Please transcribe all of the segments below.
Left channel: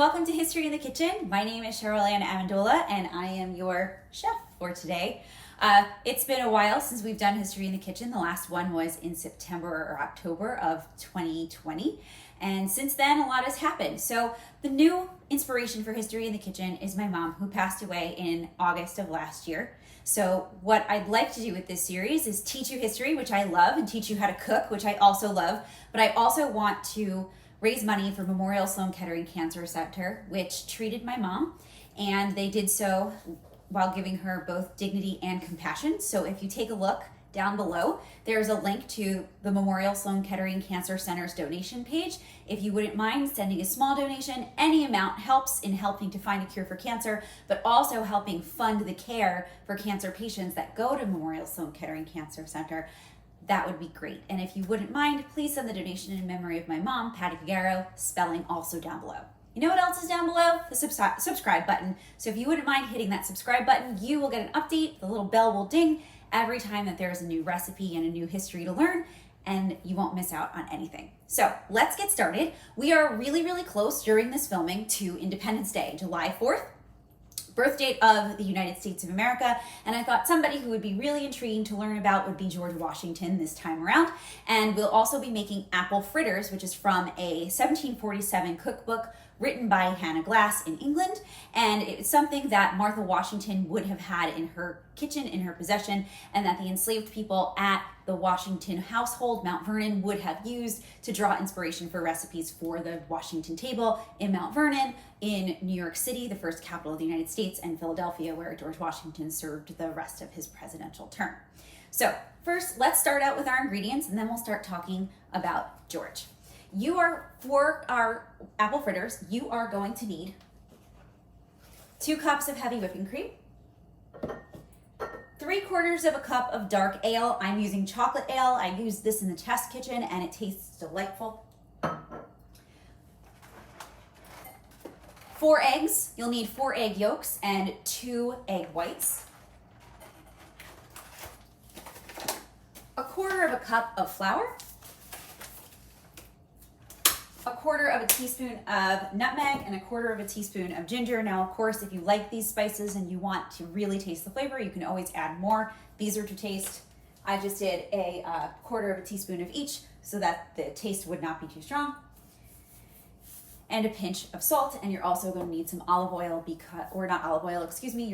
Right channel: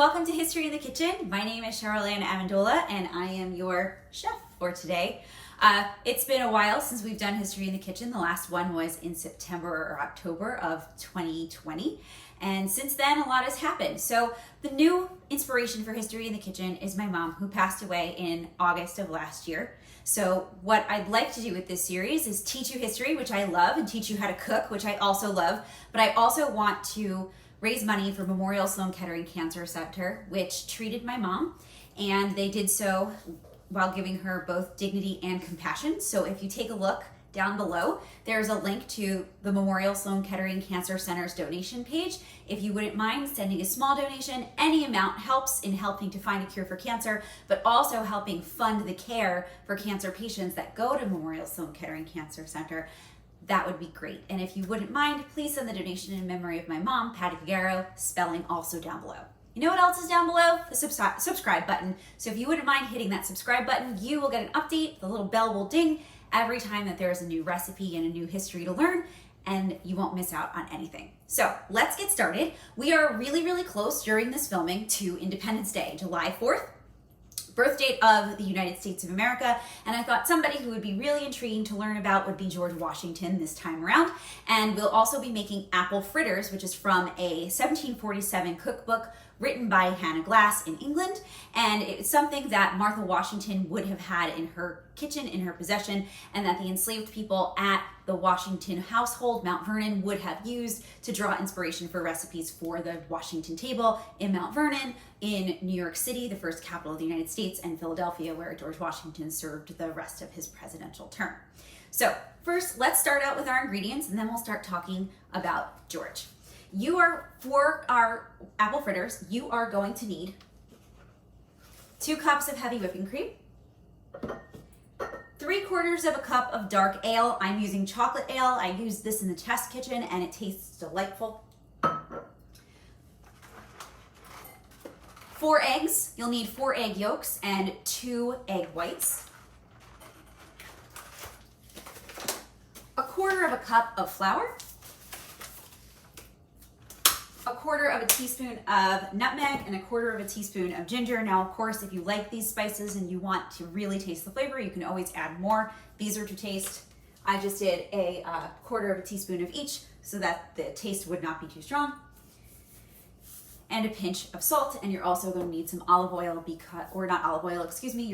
welcome to History in the Kitchen. My name is Cheryl Ann Amendola and I am your chef for today. It's been a while since we've done History in the Kitchen. The last one was in September or October of 2020. And since then, a lot has happened. So the new inspiration for History in the Kitchen is my mom, who passed away in August of last year. So what I'd like to do with this series is teach you history, which I love, and teach you how to cook, which I also love. But I also want to raise money for Memorial Sloan Kettering Cancer Center, which treated my mom, and they did so while giving her both dignity and compassion. So if you take a look down below, there's a link to the Memorial Sloan Kettering Cancer Center's donation page. If you wouldn't mind sending a small donation, any amount helps in helping to find a cure for cancer, but also helping fund the care for cancer patients that go to Memorial Sloan Kettering Cancer Center. That would be great. And if you wouldn't mind, please send the donation in memory of my mom, Patty Figueroa, spelling also down below. You know what else is down below? The subscribe button. So if you wouldn't mind hitting that subscribe button, you will get an update. The little bell will ding every time that there's a new recipe and a new history to learn, and you won't miss out on anything. So let's get started. We are really close during this filming to Independence Day, July 4th. Birth date of the United States of America, and I thought somebody who would be really intriguing to learn about would be George Washington this time around. And we'll also be making apple fritters, which is from a 1747 cookbook written by Hannah Glasse in England, and it's something that Martha Washington would have had in her kitchen, in her possession, and that the enslaved people at the Washington household, Mount Vernon, would have used to draw inspiration for recipes for the Washington table in Mount Vernon, in New York City, the first capital of the United States, and Philadelphia, where George Washington served the rest of his presidential term. So first, let's start out with our ingredients, and then we'll start talking about George. For our apple fritters, you are going to need 2 cups of heavy whipping cream, 3/4 cup of dark ale. I'm using chocolate ale. I used this in the test kitchen and it tastes delightful. 4 eggs. You'll need 4 egg yolks and 2 egg whites. 1/4 cup of flour. 1/4 teaspoon of nutmeg and 1/4 teaspoon of ginger. Now, of course, if you like these spices and you want to really taste the flavor, you can always add more. These are to taste. I just did a 1/4 teaspoon of each so that the taste would not be too strong. And a pinch of salt, and you're also going to need some olive oil, you're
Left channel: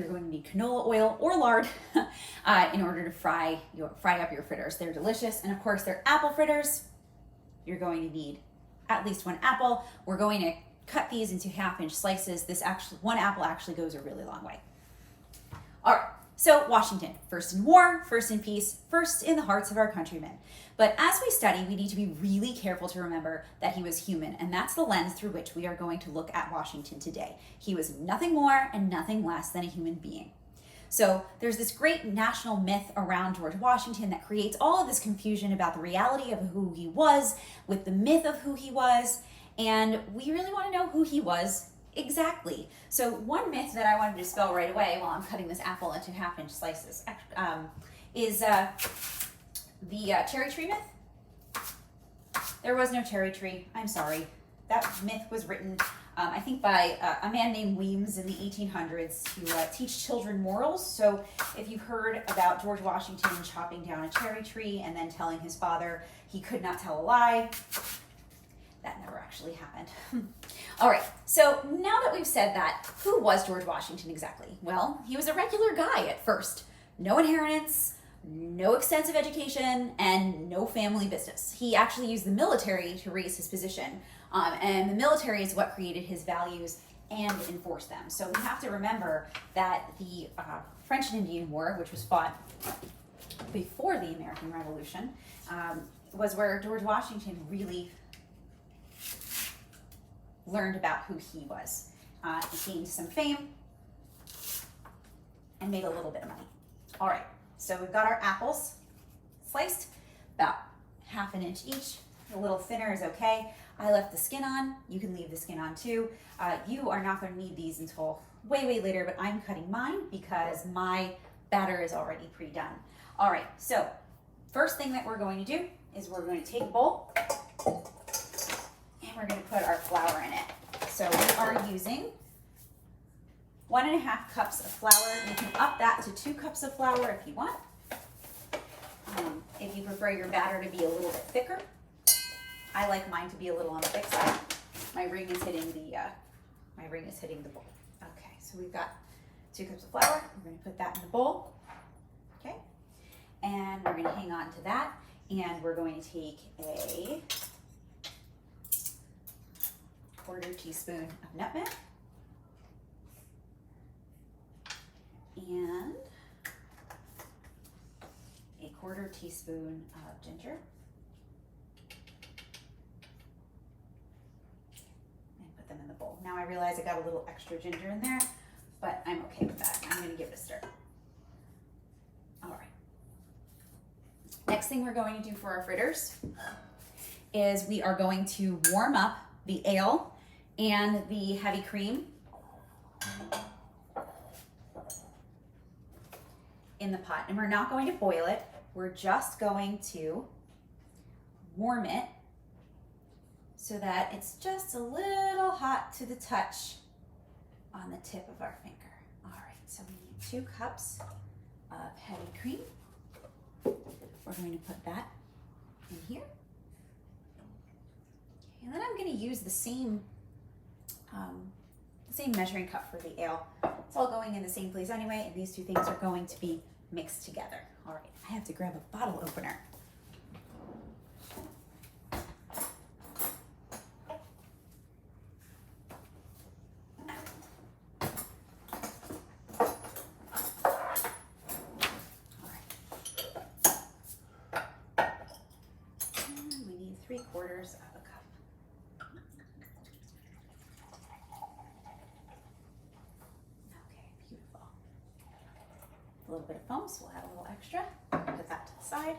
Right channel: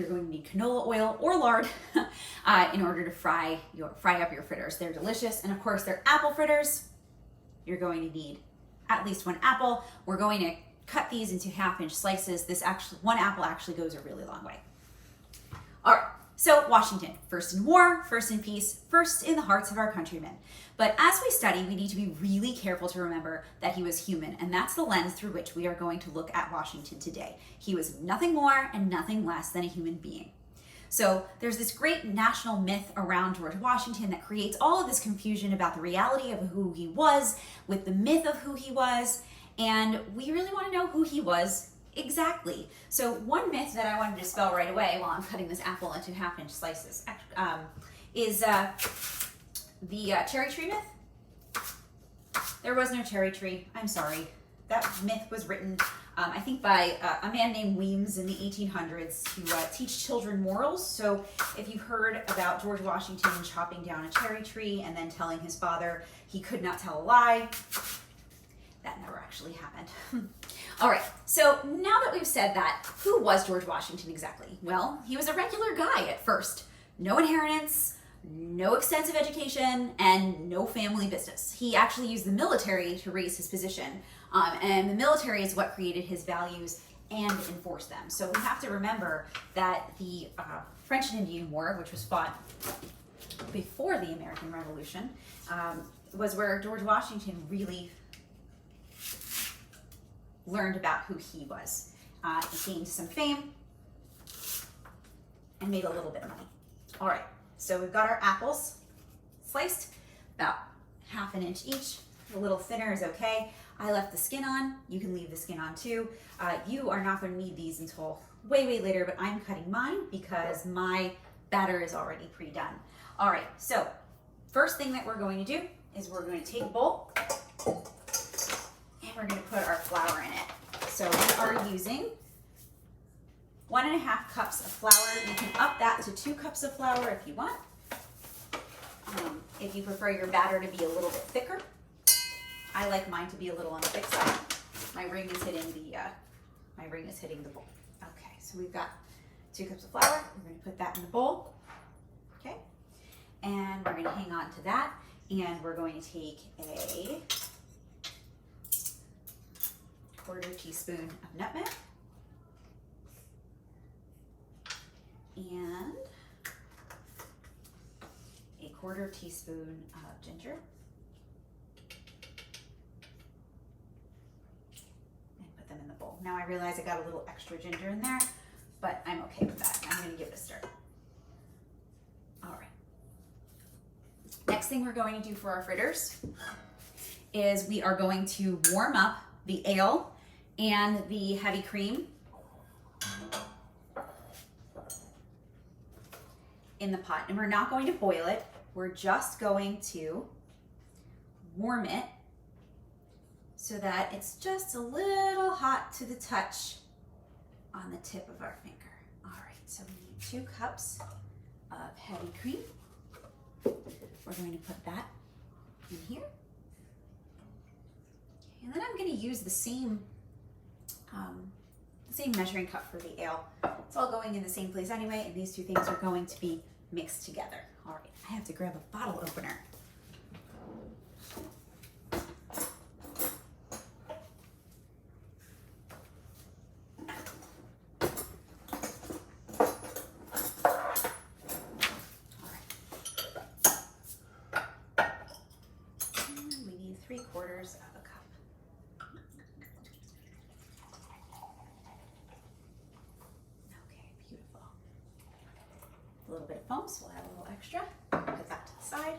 going to need canola oil or lard in order to fry up your fritters. They're delicious, and of course, they're apple fritters. You're going to need at least 1 apple. We're going to cut these into 1/2-inch slices. 1 apple actually goes a really long way. All right, so Washington, first in war, first in peace, first in the hearts of our countrymen. But as we study, we need to be really careful to remember that he was human, and that's the lens through which we are going to look at Washington today. He was nothing more and nothing less than a human being. So there's this great national myth around George Washington that creates all of this confusion about the reality of who he was with the myth of who he was, and we really want to know who he was exactly. So one myth that I wanted to dispel right away while I'm cutting this apple into 1/2-inch slices is the cherry tree myth. There was no cherry tree. I'm sorry. That myth was written, I think, by a man named Weems in the 1800s to teach children morals. So if you've heard about George Washington chopping down a cherry tree and then telling his father he could not tell a lie, that never actually happened. All right, so now that we've said that, who was George Washington exactly? Well, he was a regular guy at first. No inheritance, no extensive education, and no family business. He actually used the military to raise his position. And the military is what created his values and enforced them. So we have to remember that the French and Indian War, which was fought before the American Revolution, was where George Washington really learned about who he was. He gained some fame and made a little bit of money. All right, so we've got our apples sliced, about 1/2 inch each. A little thinner is okay. I left the skin on. You can leave the skin on too. You are not going to need these until way later, but I'm cutting mine because my batter is already pre-done. All right, so first thing that we're going to do is we're going to take a bowl and we're going to put our flour in it. So we are using 1.5 cups of flour. You can up that to 2 cups of flour if you want. If you prefer your batter to be a little bit thicker. I like mine to be a little on the thick side. My ring is hitting the bowl. Okay, so we've got 2 cups of flour. We're going to put that in the bowl. Okay, and we're going to hang on to that, and we're going to take a 1/4 teaspoon of nutmeg and a 1/4 teaspoon of ginger. And put them in the bowl. Now I realize I got a little extra ginger in there, but I'm okay with that. I'm going to give it a stir. All right. Next thing we're going to do for our fritters is we are going to warm up the ale and the heavy cream in the pot. And we're not going to boil it. We're just going to warm it so that it's just a little hot to the touch on the tip of our finger. All right, so we need 2 cups of heavy cream. We're going to put that in here. And then I'm going to use the same measuring cup for the ale. It's all going in the same place anyway, and these 2 things are going to be mixed together. All right, I have to grab a bottle opener. All right. And we need 3/4 of a cup. A little bit of foam, so we'll add a little extra. Put that to the side.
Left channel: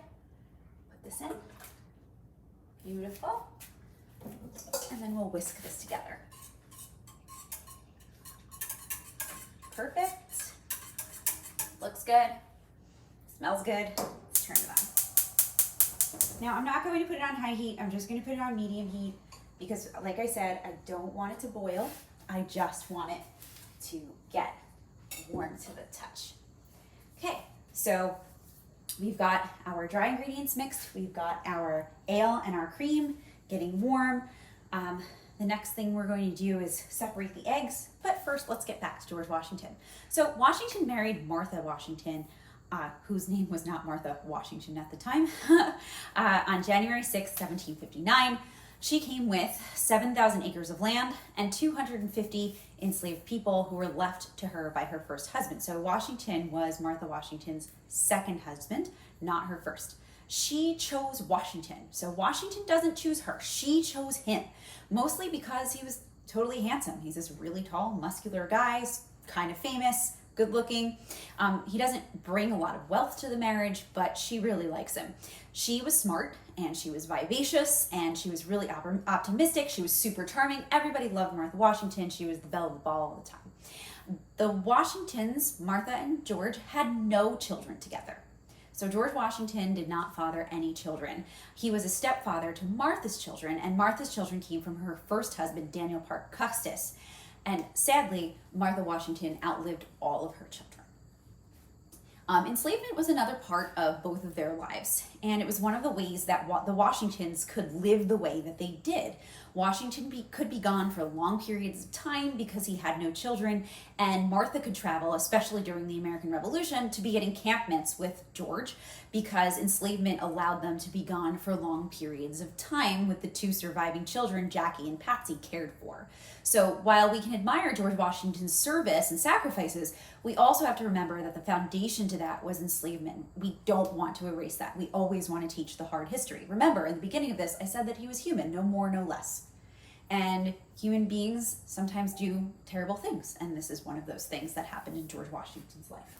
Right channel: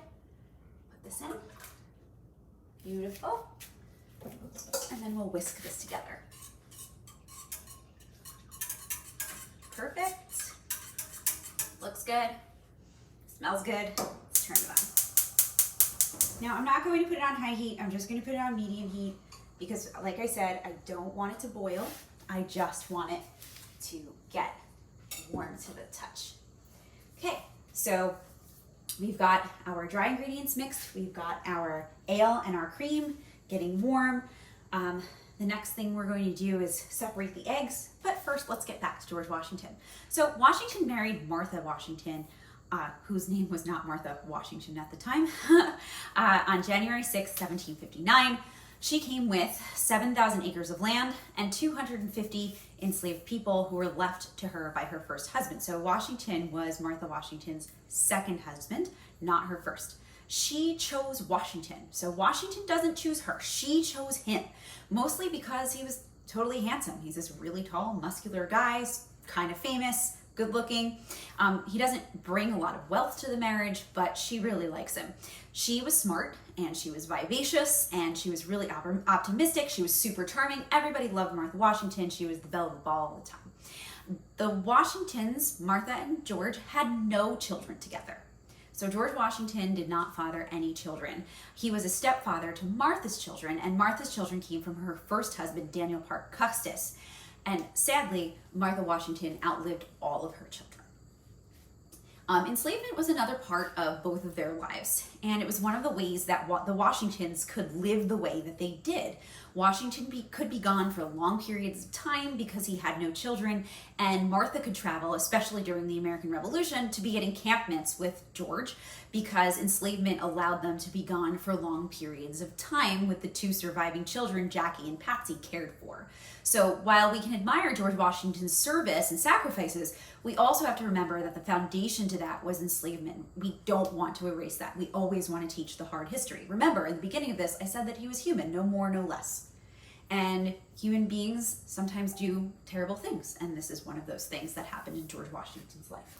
Put this in. Beautiful. And then we'll whisk this together. Perfect. Looks good. Smells good. Let's turn it on. Now I'm not going to put it on high heat. I'm just going to put it on medium heat because, like I said, I don't want it to boil. I just want it to get warm to the touch. Okay, so we've got our dry ingredients mixed, we've got our ale and our cream getting warm. The next thing we're going to do is separate the eggs, but first let's get back to George Washington. So Washington married Martha Washington, whose name was not Martha Washington at the time, on January 6, 1759. She came with 7,000 acres of land and 250 enslaved people who were left to her by her first husband. So Washington was Martha Washington's second husband, not her first. She chose Washington. So Washington doesn't choose her. She chose him, mostly because he was totally handsome. He's this really tall, muscular guy, kind of famous, good looking. He doesn't bring a lot of wealth to the marriage, but she really likes him. She was smart and she was vivacious and she was really optimistic. She was super charming. Everybody loved Martha Washington. She was the belle of the ball all the time. The Washingtons, Martha and George, had no children together. So George Washington did not father any children. He was a stepfather to Martha's children, and Martha's children came from her first husband, Daniel Parke Custis. And sadly, Martha Washington outlived all of her children. Enslavement was another part of both of their lives, and it was one of the ways that the Washingtons could live the way that they did. Washington could be gone for long periods of time because he had no children, and Martha could travel, especially during the American Revolution, to be at encampments with George because enslavement allowed them to be gone for long periods of time with the 2 surviving children Jackie and Patsy cared for. So while we can admire George Washington's service and sacrifices, we also have to remember that the foundation to that was enslavement. We don't want to erase that. We always want to teach the hard history. Remember, in the beginning of this, I said that he was human, no more, no less. And human beings sometimes do terrible things, and this is one of those things that happened in George Washington's life.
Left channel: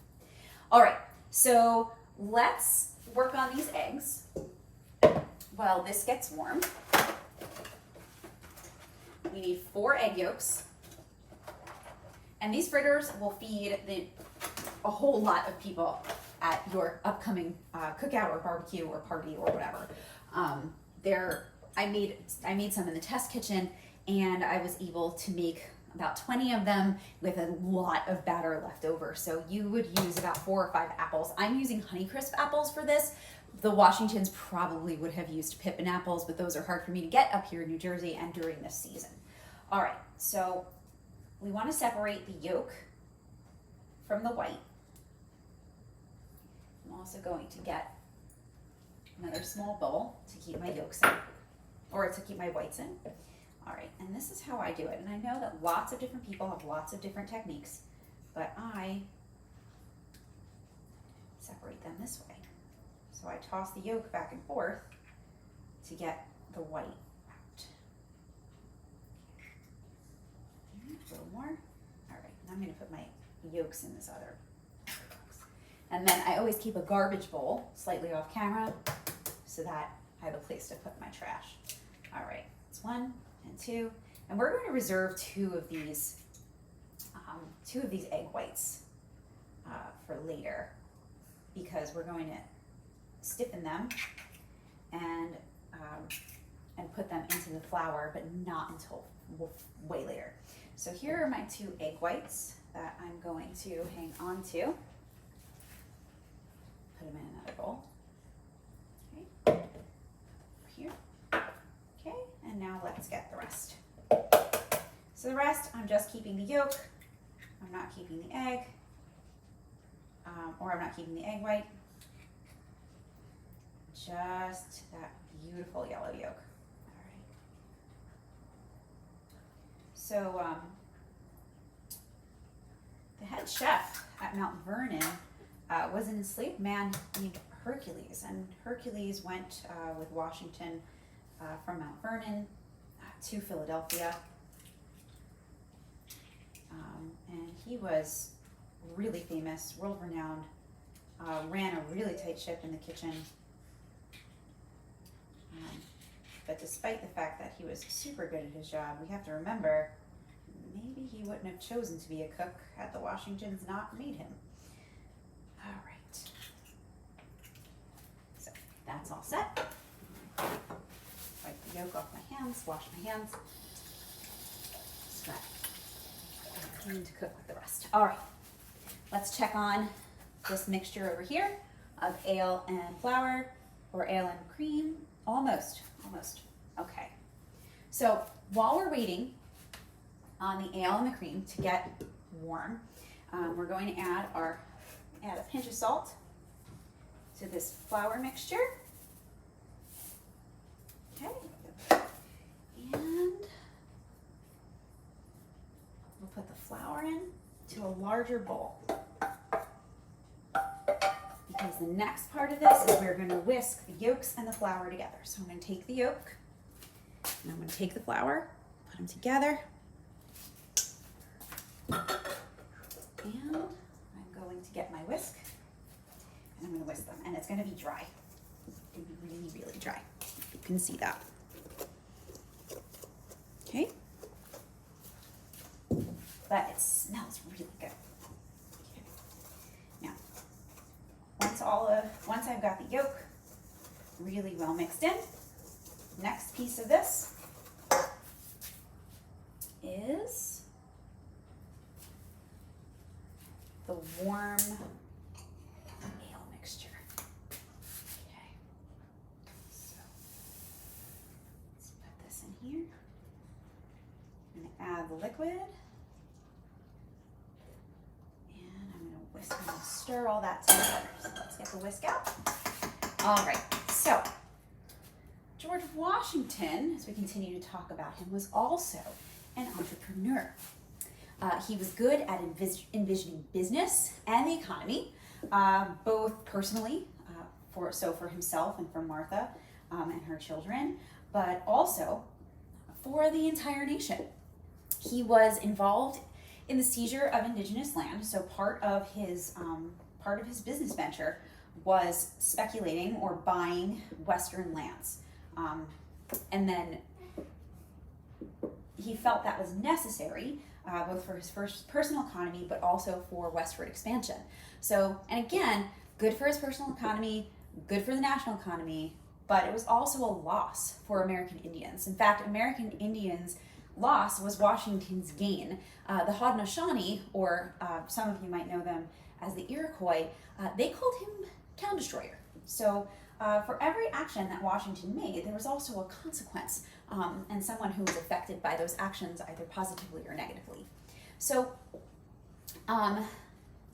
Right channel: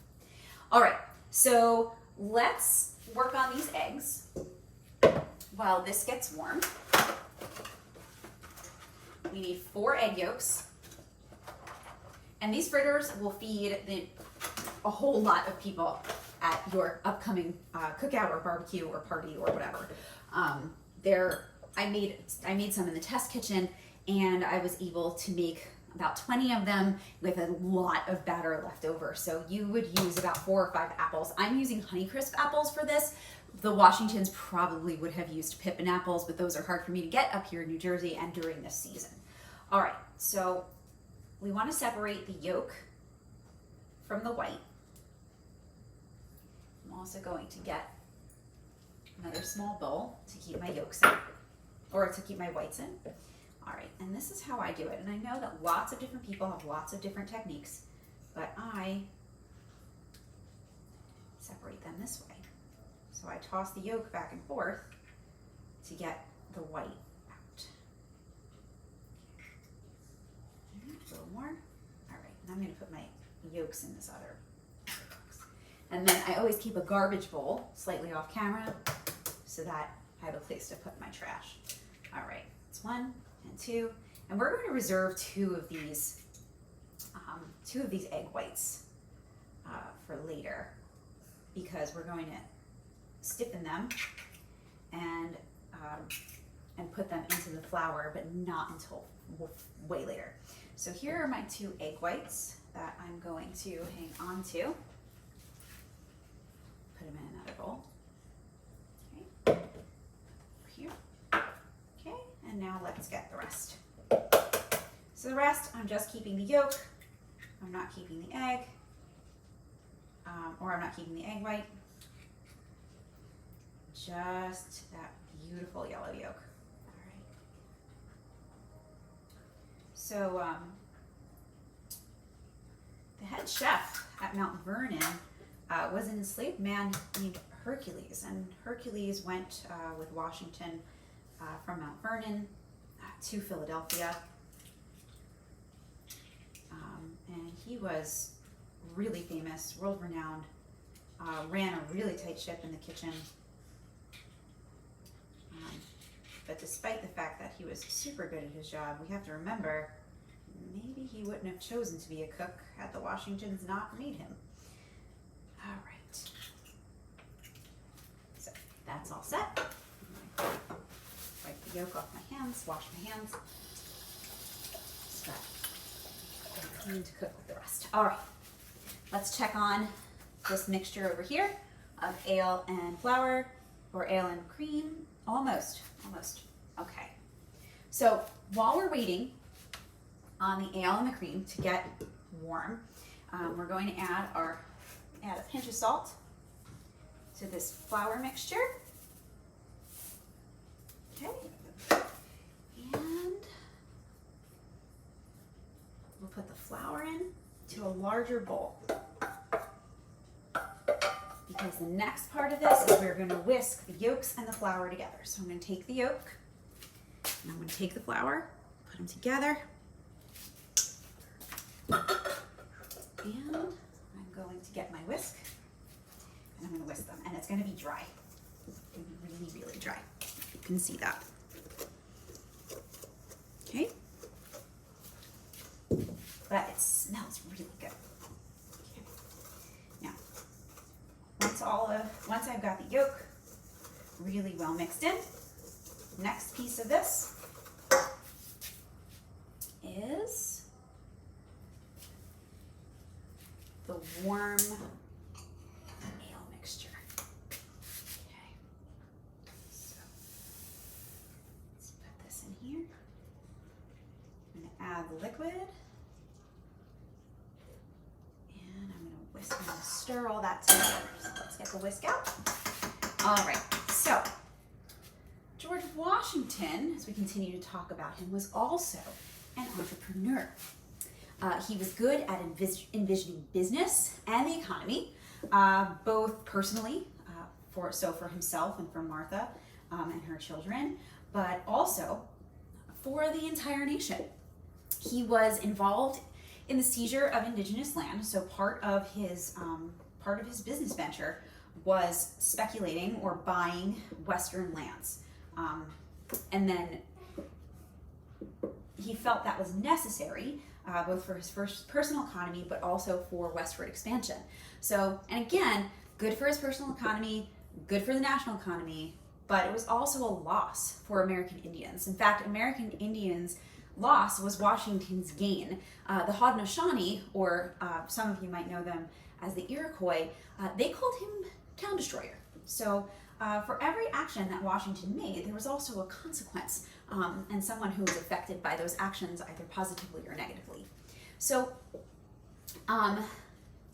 All right, so let's work on these eggs while this gets warm. We need 4 egg yolks. And these fritters will feed a whole lot of people at your upcoming cookout or barbecue or party or whatever. I made some in the test kitchen, and I was able to make about 20 of them with a lot of batter left over. So you would use about 4 or 5 apples. I'm using Honeycrisp apples for this. The Washingtons probably would have used Pippin apples, but those are hard for me to get up here in New Jersey and during this season. All right, so we want to separate the yolk from the white. I'm also going to get another small bowl to keep my yolks in, or to keep my whites in. All right, and this is how I do it. And I know that lots of different people have lots of different techniques, but I separate them this way. So I toss the yolk back and forth to get the white out. A little more. All right, and I'm gonna put my yolks in this other box. And then I always keep a garbage bowl slightly off camera so that I have a place to put my trash. All right, it's 1 and 2, and we're going to reserve two of these egg whites for later, because we're going to stiffen them and put them into the flour, but not until way later. So here are my 2 egg whites that I'm going to hang on to. Put them in another bowl. Okay. Here. Okay, and now let's get the rest. So the rest, I'm just keeping the yolk. I'm not keeping the egg, or I'm not keeping the egg white. Just that beautiful yellow yolk. All right. So the head chef at Mount Vernon was an enslaved man named Hercules, and Hercules went with Washington from Mount Vernon to Philadelphia, and he was really famous, world-renowned, ran a really tight ship in the kitchen, but despite the fact that he was super good at his job, we have to remember, maybe he wouldn't have chosen to be a cook had the Washingtons not made him. All right, so that's all set. Wipe the yolk off my hands, wash my hands. So I'm clean to cook with the rest. All right, let's check on this mixture over here of ale and flour, or ale and cream. Almost. Okay. So while we're waiting on the ale and the cream to get warm, we're going to add a pinch of salt to this flour mixture. Okay. And we'll put the flour in to a larger bowl, because the next part of this is we're going to whisk the yolks and the flour together. So I'm going to take the yolk and I'm going to take the flour, put them together, and I'm going to get my whisk and I'm going to whisk them, and it's going to be dry, really, really dry. You can see that. Okay, but it smells really good. Once I've got the yolk really well mixed in, next piece of this is the warm ale mixture. Okay, so let's put this in here. I'm going to add the liquid. I'm going to stir all that together. So let's get the whisk out. All right, so George Washington, as we continue to talk about him, was also an entrepreneur. He was good at envisioning business and the economy, both personally, for himself and for Martha and her children, but also for the entire nation. He was involved in the seizure of indigenous land. So part of his business venture was speculating or buying Western lands. And then he felt that was necessary, both for his personal economy, but also for westward expansion. So, and again, good for his personal economy, good for the national economy, but it was also a loss for American Indians. In fact, American Indians loss was Washington's gain. The Haudenosaunee, or some of you might know them as the Iroquois, they called him Town Destroyer. So for every action that Washington made, there was also a consequence, and someone who was affected by those actions either positively or negatively. So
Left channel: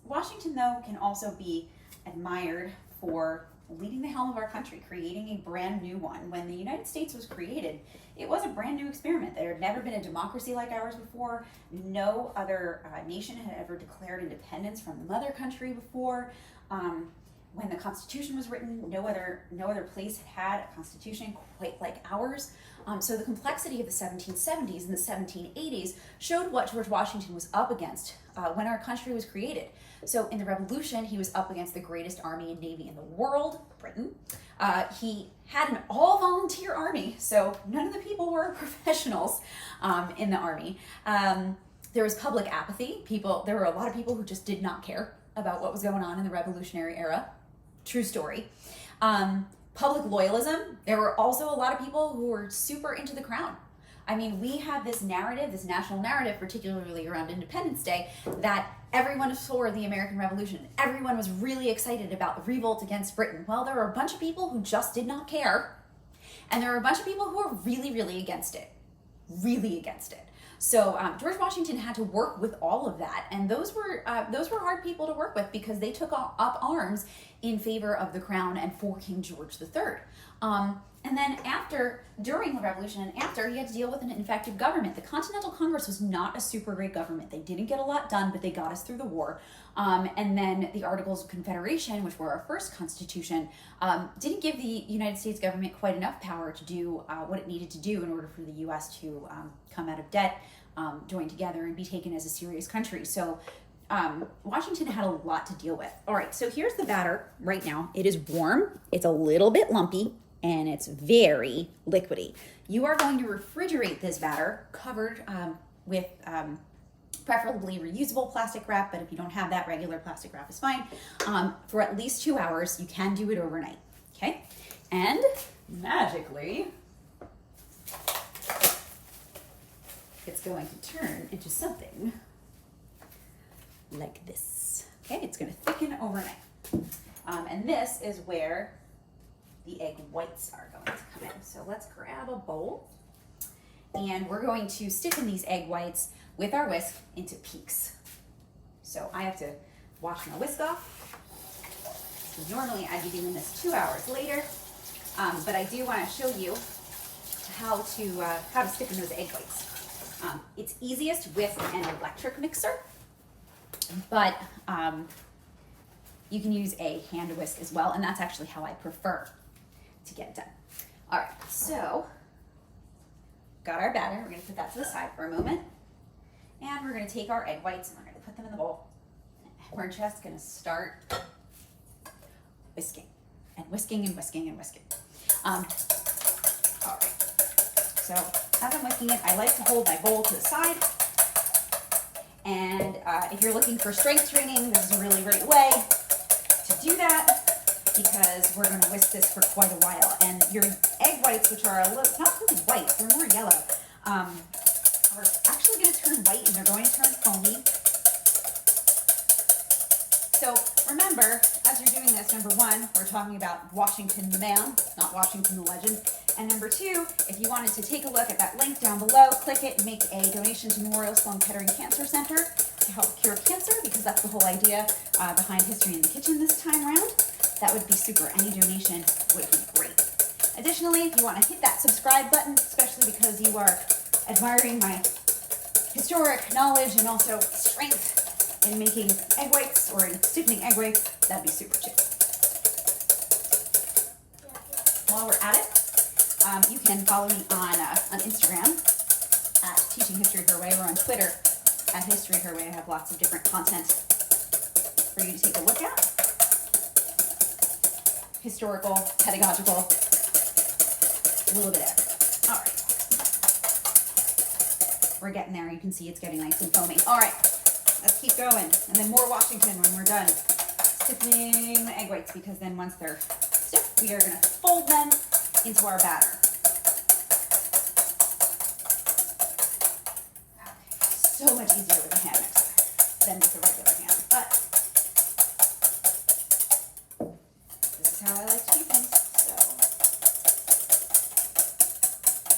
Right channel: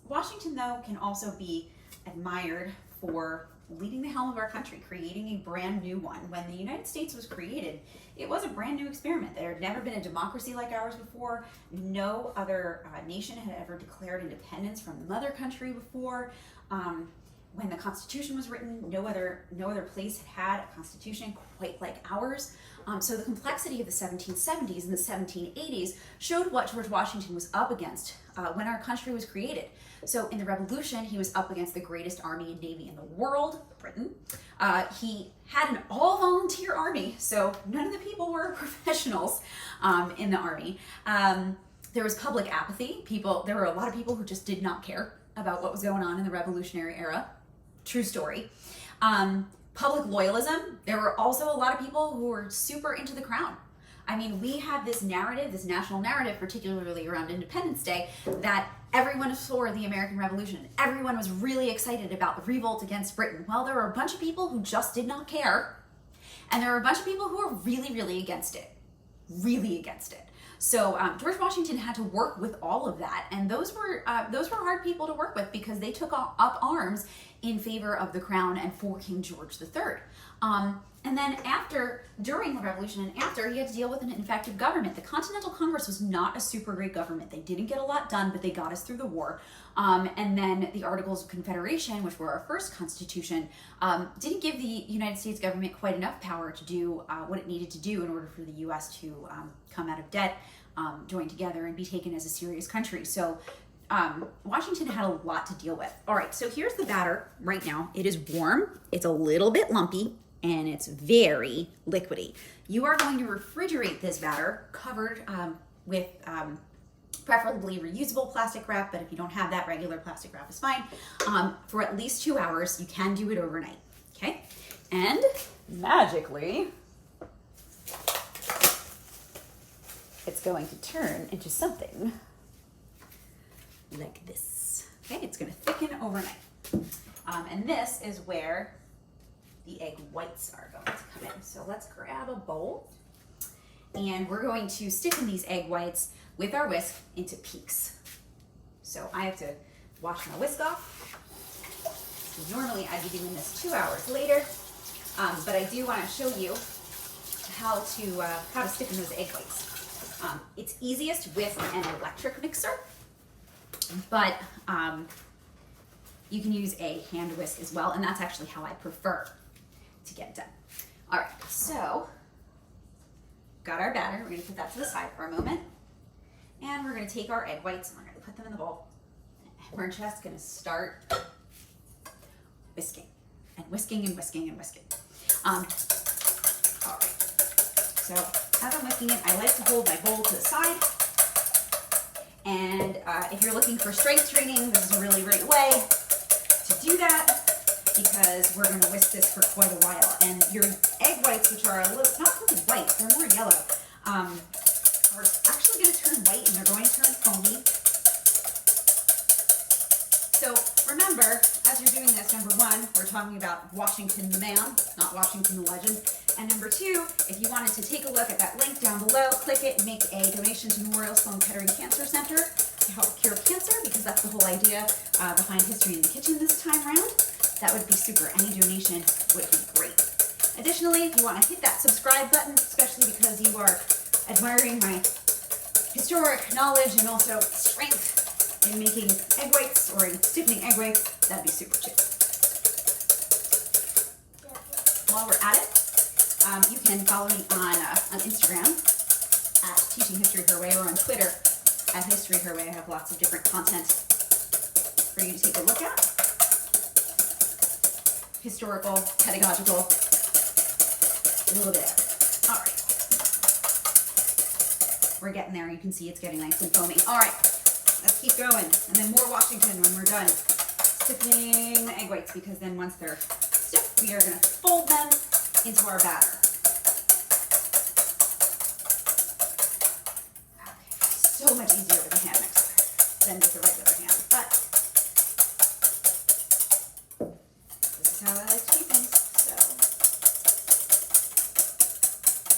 Washington, though, can also be admired for leading the helm of our country, creating a brand new one. When the United States was created, it was a brand new experiment. There had never been a democracy like ours before. No other nation had ever declared independence from the mother country before. When the Constitution was written, no other place had a constitution quite like ours. So the complexity of the 1770s and the 1780s showed what George Washington was up against when our country was created. So in the Revolution, he was up against the greatest army and navy in the world, Britain. He had an all-volunteer army, so none of the people were professionals in the army. There was public apathy. There were a lot of people who just did not care about what was going on in the Revolutionary era. True story. Public loyalism. There were also a lot of people who were super into the crown. I mean, we have this narrative, this national narrative, particularly around Independence Day, that everyone is for the American Revolution. Everyone was really excited about the revolt against Britain. Well, there were a bunch of people who just did not care, and there were a bunch of people who were really, really against it. Really against it. So George Washington had to work with all of that, and those were hard people to work with because they took up arms in favor of the crown and for King George III. And then during the Revolution and after, he had to deal with an ineffective government. The Continental Congress was not a super great government. They didn't get a lot done, but they got us through the war. And then the Articles of Confederation, which were our first constitution, didn't give the United States government quite enough power to do what it needed to do in order for the U.S. to come out of debt, join together, and be taken as a serious country. So Washington had a lot to deal with. All right, so here's the batter right now. It is warm, it's a little bit lumpy, and it's very liquidy. You are going to refrigerate this batter covered with preferably reusable plastic wrap, but if you don't have that, regular plastic wrap is fine, for at least 2 hours. You can do it overnight, okay? And magically, it's going to turn into something like this. Okay, it's going to thicken overnight. And this is where the egg whites are going to come in. So let's grab a bowl, and we're going to stick in these egg whites with our whisk into peaks. So I have to wash my whisk off. So normally I'd be doing this 2 hours later, but I do want to show you how to stick in those egg whites. It's easiest with an electric mixer, but you can use a hand whisk as well, and that's actually how I prefer to get it done. All right, so got our batter. We're going to put that to the side for a moment, and we're going to take our egg whites and we're going to put them in the bowl. We're just going to start whisking and whisking and whisking and whisking. All right. So as I'm whisking it, I like to hold my bowl to the side. And if you're looking for strength training, this is a really great way to do that, because we're going to whisk this for quite a while. And your egg whites, which are not really white, they're more yellow, are actually going to turn white and they're going to turn foamy. So remember, as you're doing this, number one, we're talking about Washington the man, not Washington the legend. And number two, if you wanted to take a look at that link down below, click it and make a donation to Memorial Sloan Kettering Cancer Center to help cure cancer, because that's the whole idea behind History in the Kitchen this time around. That would be super. Any donation would be great. Additionally, if you want to hit that subscribe button, especially because you are admiring my historic knowledge and also strength in making egg whites or in sticking egg whites, that'd be super cheap. While we're at it, you can follow me on Instagram at Teaching History Her Way, or on Twitter at History Her Way. I have lots of different content for you to take a look at. Historical, pedagogical, a little bit. All right. We're getting there. You can see it's getting nice and foamy. All right, let's keep going. And then more Washington when we're done sticking egg whites, because then once they're stiff, we are going to fold them into our batter. so much easier with a hand mixer than with a regular hand. But this is how I like to do things. So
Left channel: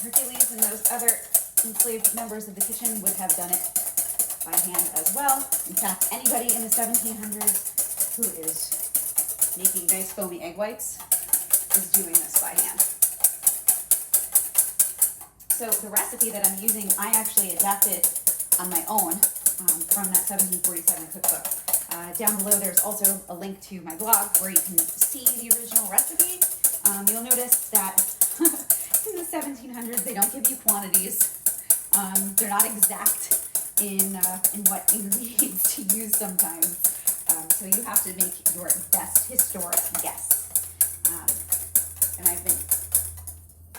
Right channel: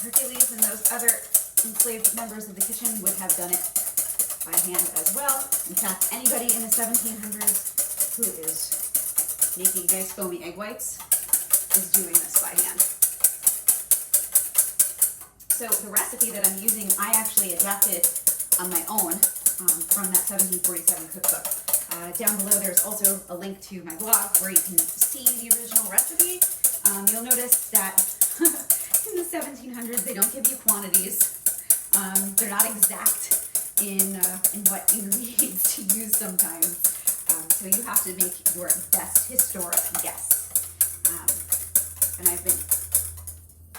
Hercules and those other enslaved members of the kitchen would have done it by hand as well. In fact, anybody in the 1700s who is making nice foamy egg whites is doing this by hand. So the recipe that I'm using, I actually adapted on my own from that 1747 cookbook. Down below there's also a link to my blog where you can see the original recipe. You'll notice that in the 1700s they don't give you quantities. They're not exact in what you need to use sometimes. So you have to make your best historic guess. And I've been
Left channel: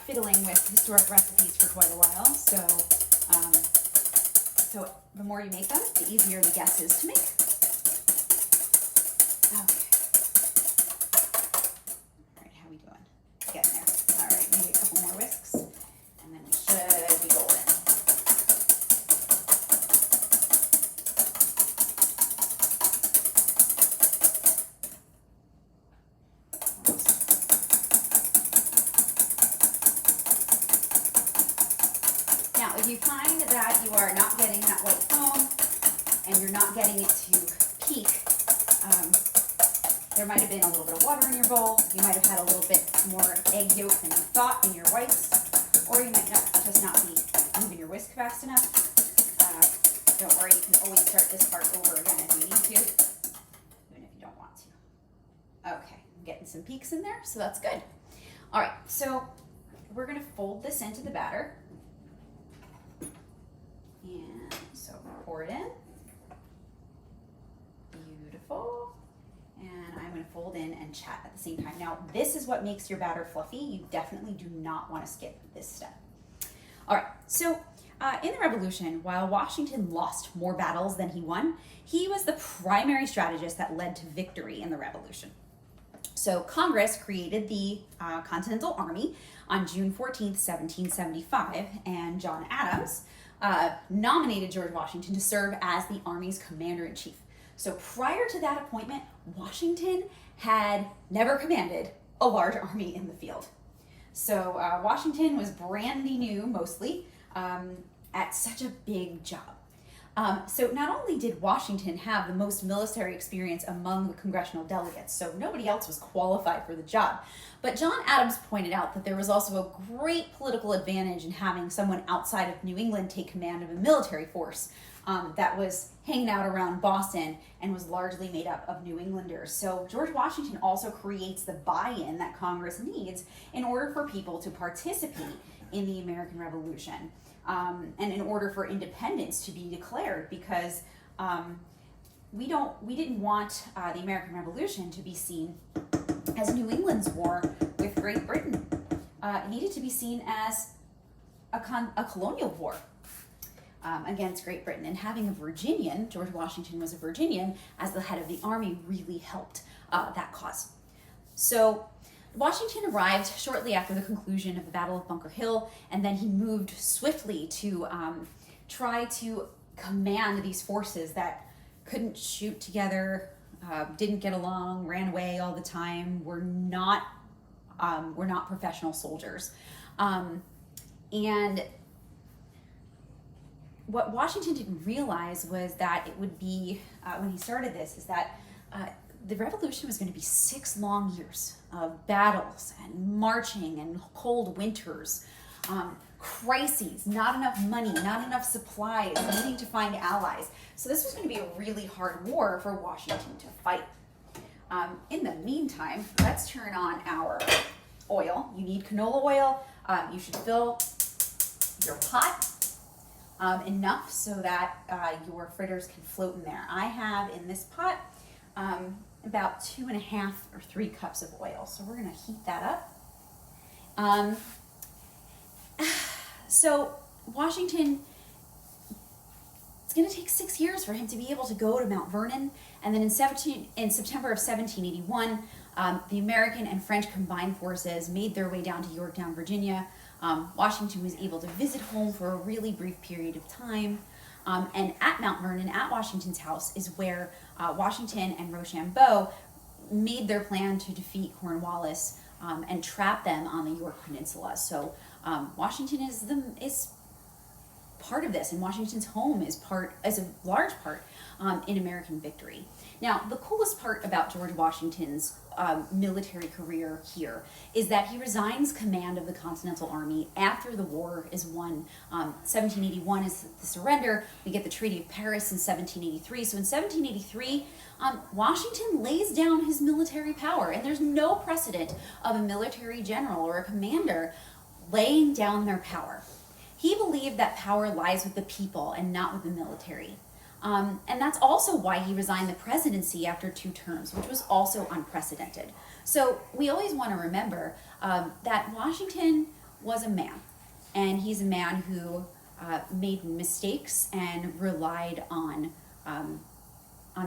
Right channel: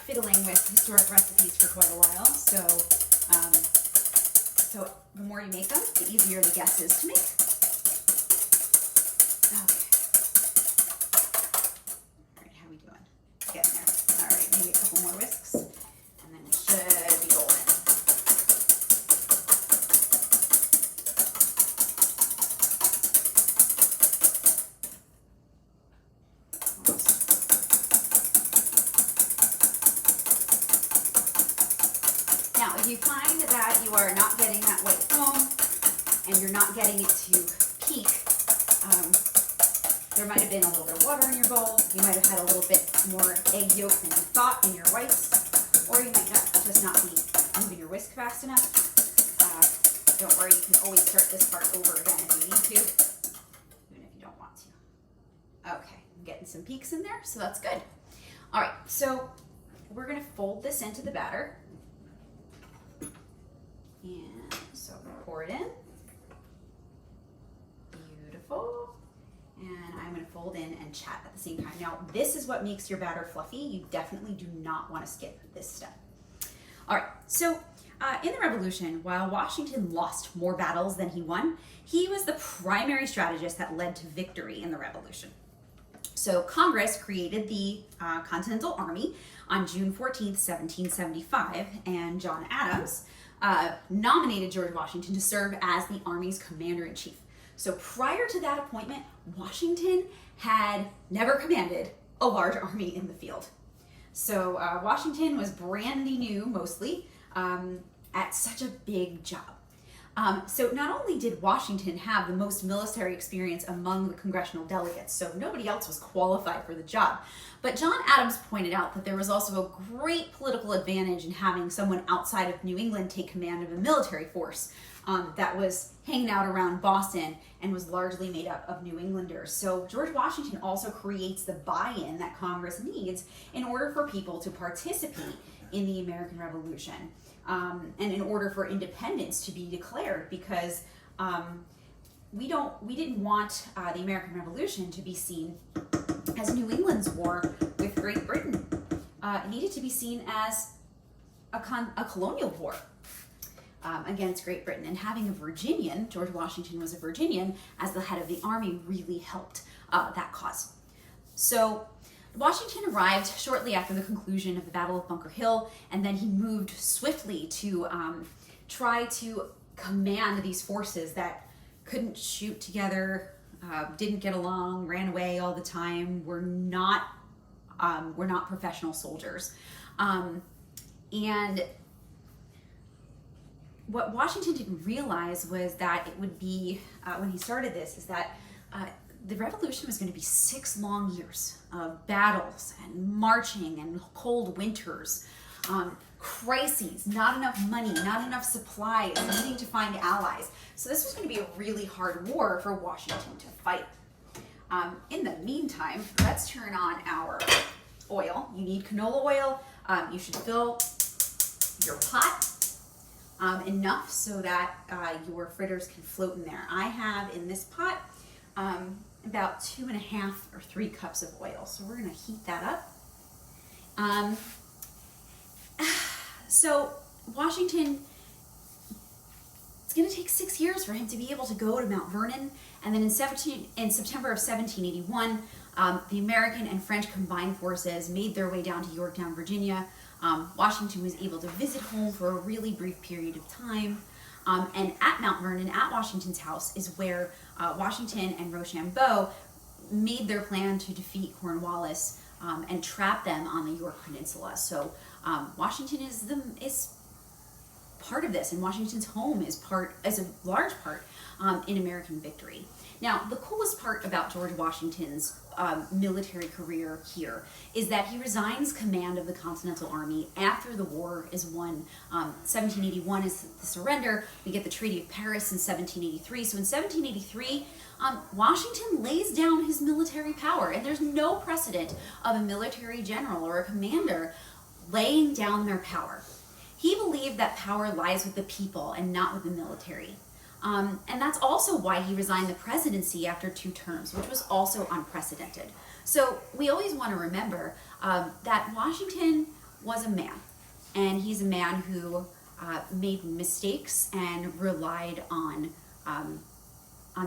fiddling with historic recipes for quite a while, so the more you make them, the easier the guess is to make. Okay. All right, how are we doing? Getting there. All right, maybe a couple more whisks, and then we should be golden. Now, if you find that you are not getting that white foam and you're not getting it to peak, there might have been a little bit of water in your bowl, you might have had a little bit more egg yolk than you thought in your whites, or you might just not be moving your whisk fast enough. Don't worry, you can always start this part over again if you need to, even if you don't want to. Okay, I'm getting some peaks in there, so that's good. All right, so we're going to fold this into the batter. And so pour it in. Beautiful. And I'm going to fold in and chat at the same time. Now, this is what makes your batter fluffy. You definitely do not want to skip this step. All right, so in the Revolution, while Washington lost more battles than he won, he was the primary strategist that led to victory in the Revolution. So Congress created the Continental Army on June 14th, 1775, and John Adams nominated George Washington to serve as the Army's commander-in-chief. So prior to that appointment, Washington had never commanded a large army in the field. So Washington was brandy new, mostly, at such a big job. So not only did Washington have the most military experience among the congressional delegates, so nobody else was qualified for the job, but John Adams pointed out that there was also a great political advantage in having someone outside of New England take command of a military force that was hanging out around Boston and was largely made up of New Englanders. So George Washington also creates the buy-in that Congress needs in order for people to participate in the American Revolution. And in order for independence to be declared, because we didn't want the American Revolution to be seen as New England's war with Great Britain. It needed to be seen as a colonial war against Great Britain. And having a Virginian, George Washington was a Virginian, as the head of the army really helped that cause. So Washington arrived shortly after the conclusion of the Battle of Bunker Hill, and then he moved swiftly to try to command these forces that couldn't shoot together, didn't get along, ran away all the time, were not professional soldiers. And what Washington didn't realize was that it would be, when he started this, is that the revolution was going to be 6 long years of battles and marching and cold winters, crises, not enough money, not enough supplies, needing to find allies. So this was going to be a really hard war for Washington to fight. In the meantime, let's turn on our oil. You need canola oil. You should fill your pot enough so that your fritters can float in there. I have in this pot about 2.5 or 3 cups of oil. So we're going to heat that up. So Washington, it's going to take 6 years for him to be able to go to Mount Vernon. And then in September of 1781, the American and French combined forces made their way down to Yorktown, Virginia. Washington was able to visit home for a really brief period of time. And at Mount Vernon, at Washington's house, is where Washington and Rochambeau made their plan to defeat Cornwallis and trap them on the York Peninsula. So Washington is part of this, and Washington's home is a large part in American victory. Now, the coolest part about George Washington's military career here is that he resigns command of the Continental Army after the war is won. 1781 is the surrender. We get the Treaty of Paris in 1783. So in 1783, Washington lays down his military power, and there's no precedent of a military general or a commander laying down their power. He believed that power lies with the people and not with the military. And that's also why he resigned the presidency after 2 terms, which was also unprecedented. So we always want to remember that Washington was a man, and he's a man who made mistakes and relied on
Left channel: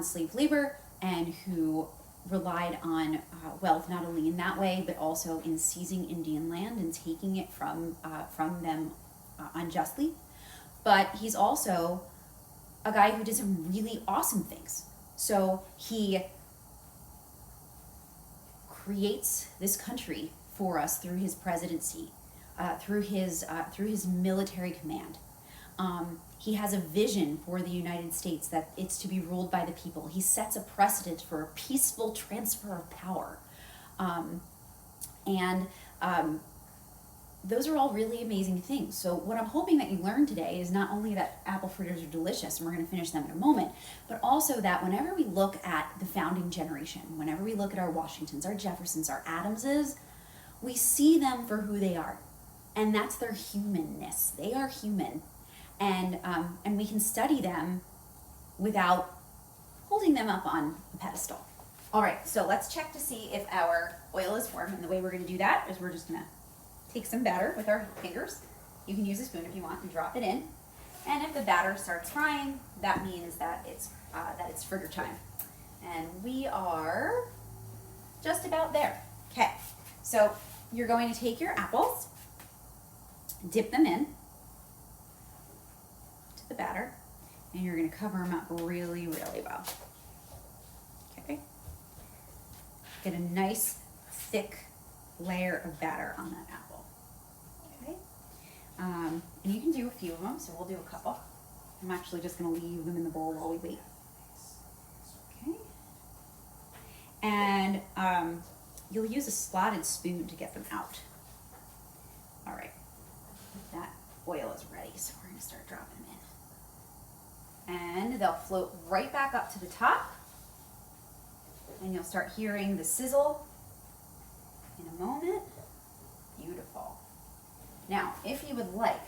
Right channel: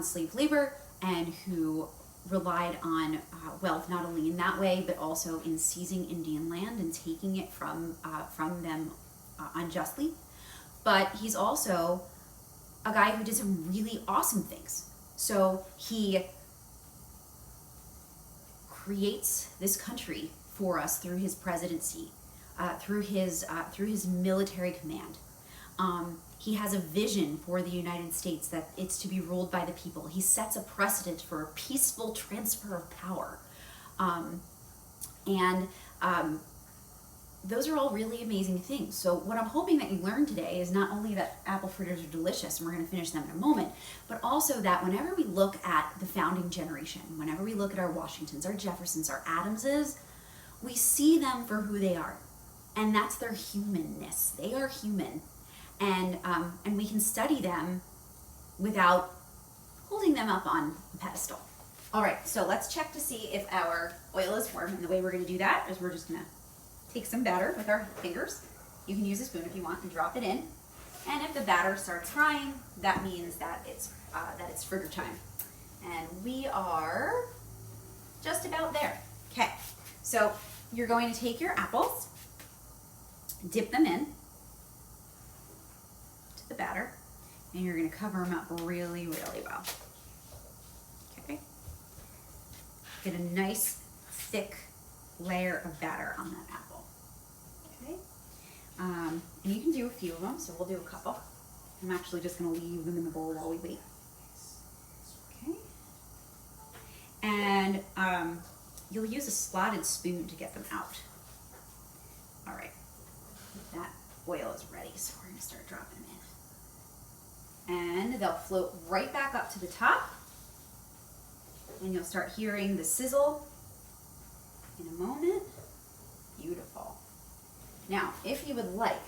slave labor, and who relied on wealth not only in that way, but also in seizing Indian land and taking it from them unjustly. But he's also a guy who did some really awesome things. So he creates this country for us through his presidency, through his military command. He has a vision for the United States that it's to be ruled by the people. He sets a precedent for a peaceful transfer of power. Those are all really amazing things. So what I'm hoping that you learn today is not only that apple fritters are delicious, and we're going to finish them in a moment, but also that whenever we look at the founding generation, whenever we look at our Washingtons, our Jeffersons, our Adamses, we see them for who they are. And that's their humanness. They are human. And we can study them without holding them up on a pedestal. All right, so let's check to see if our oil is warm. And the way we're going to do that is we're just going to take some batter with our fingers. You can use a spoon if you want and drop it in. And if the batter starts frying, that means that it's fritter time. And we are just about there. Okay, so you're going to take your apples, dip them in to the batter, and you're going to cover them up really, really well. Okay, get a nice thick layer of batter on that apple. Okay, and you can do a few of them, so we'll do a couple. I'm actually just going to leave them in the bowl while we wait. Okay, and you'll use a slotted spoon to get them out. All right, that oil is ready, so we're going to start dropping them in. And they'll float right back up to the top, and you'll start hearing the sizzle in a moment. Beautiful. Now, if you would like,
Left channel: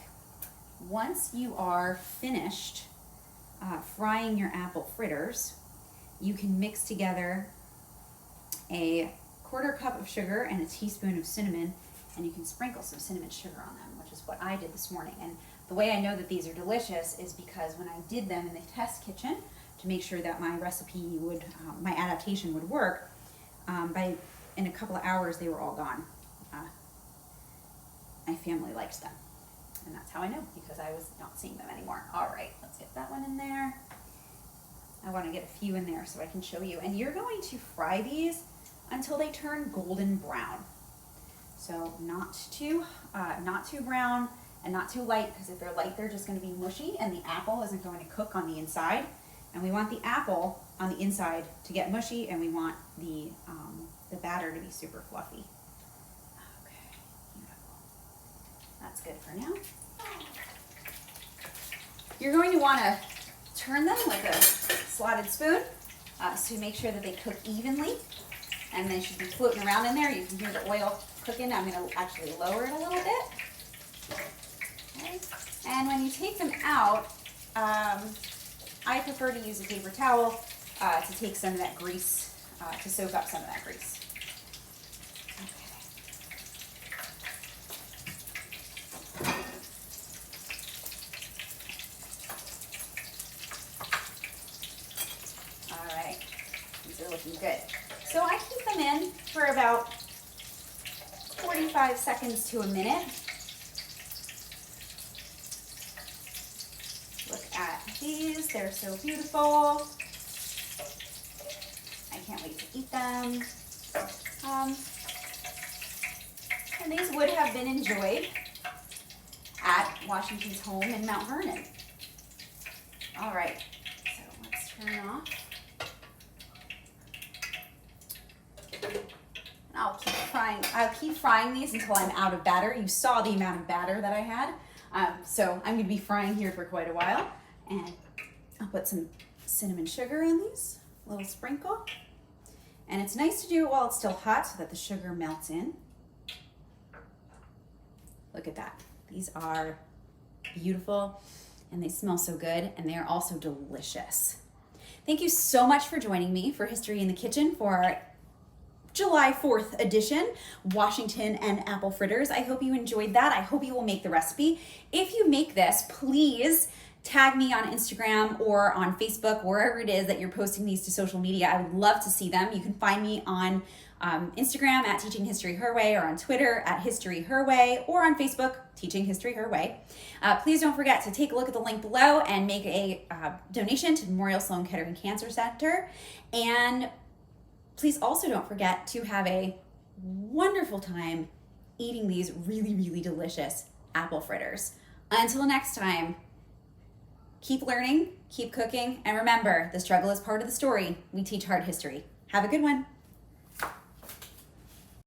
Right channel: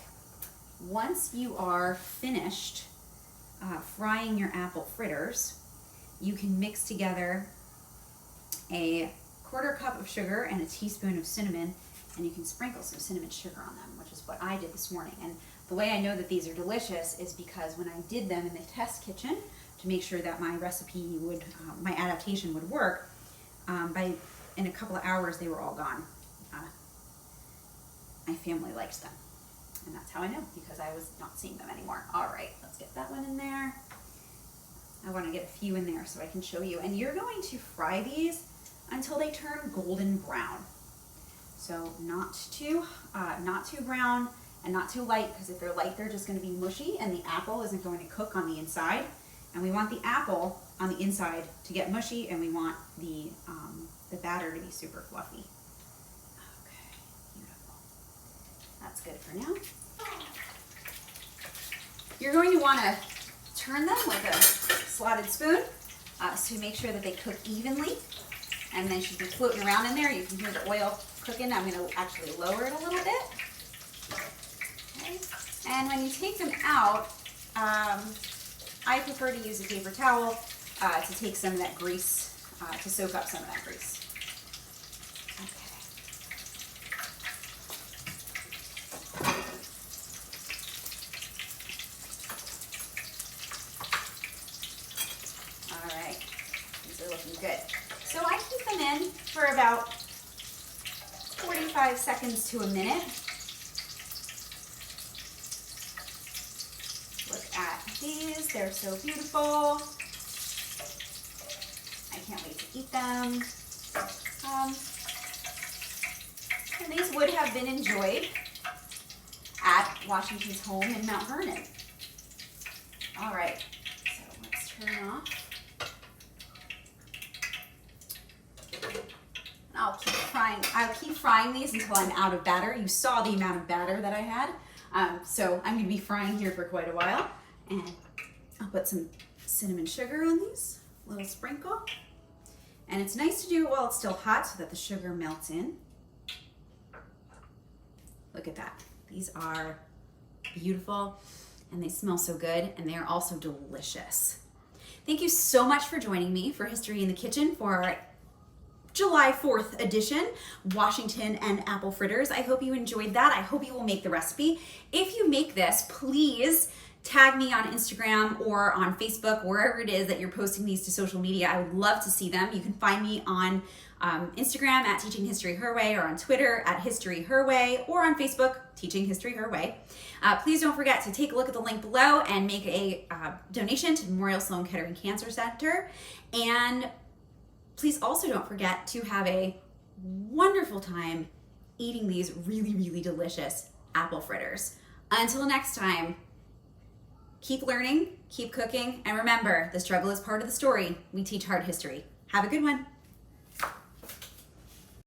once you are finished frying your apple fritters, you can mix together a 1/4 cup of sugar and a teaspoon of cinnamon, and you can sprinkle some cinnamon sugar on them, which is what I did this morning. And the way I know that these are delicious is because when I did them in the test kitchen to make sure that my recipe would, my adaptation would work, in a couple of hours they were all gone. My family likes them, and that's how I know, because I was not seeing them anymore. All right, let's get that one in there. I want to get a few in there so I can show you. And you're going to fry these until they turn golden brown. So not too brown and not too light, because if they're light, they're just going to be mushy, and the apple isn't going to cook on the inside. And we want the apple on the inside to get mushy, and we want the batter to be super fluffy. Okay, beautiful. That's good for now. You're going to want to turn them with a slotted spoon to make sure that they cook evenly, and they should be floating around in there. You can hear the oil cooking. I'm going to actually lower it a little bit. Okay. And when you take them out, I prefer to use a paper towel to take some of that grease, to soak up some of that grease. All right, these are looking good. So I keep them in for about 45 seconds to a minute. Look at these. They're so beautiful. I can't wait to eat them. And these would have been enjoyed at Washington's home in Mount Vernon. All right, so let's turn off. I'll keep frying these until I'm out of batter. You saw the amount of batter that I had. So I'm gonna be frying here for quite a while. And I'll put some cinnamon sugar on these, a little sprinkle. And it's nice to do it while it's still hot so that the sugar melts in. Look at that. These are beautiful and they smell so good and they're also delicious. Thank you so much for joining me for History in the Kitchen for our July 4th edition, Washington and apple fritters. I hope you enjoyed that. I hope you will make the recipe. If you make this, please tag me on Instagram or on Facebook, wherever it is that you're posting these to social media. I would love to see them. You can find me on Instagram at Teaching History Her Way, or on Twitter at History Her Way, or on Facebook, Teaching History Her Way. Please don't forget to take a look at the link below and make a donation to Memorial Sloan Kettering Cancer Center. And please also don't forget to have a wonderful time eating these really, really delicious apple fritters. Until next time, keep learning, keep cooking, and remember, the struggle is part of the story. We teach hard history. Have a good one.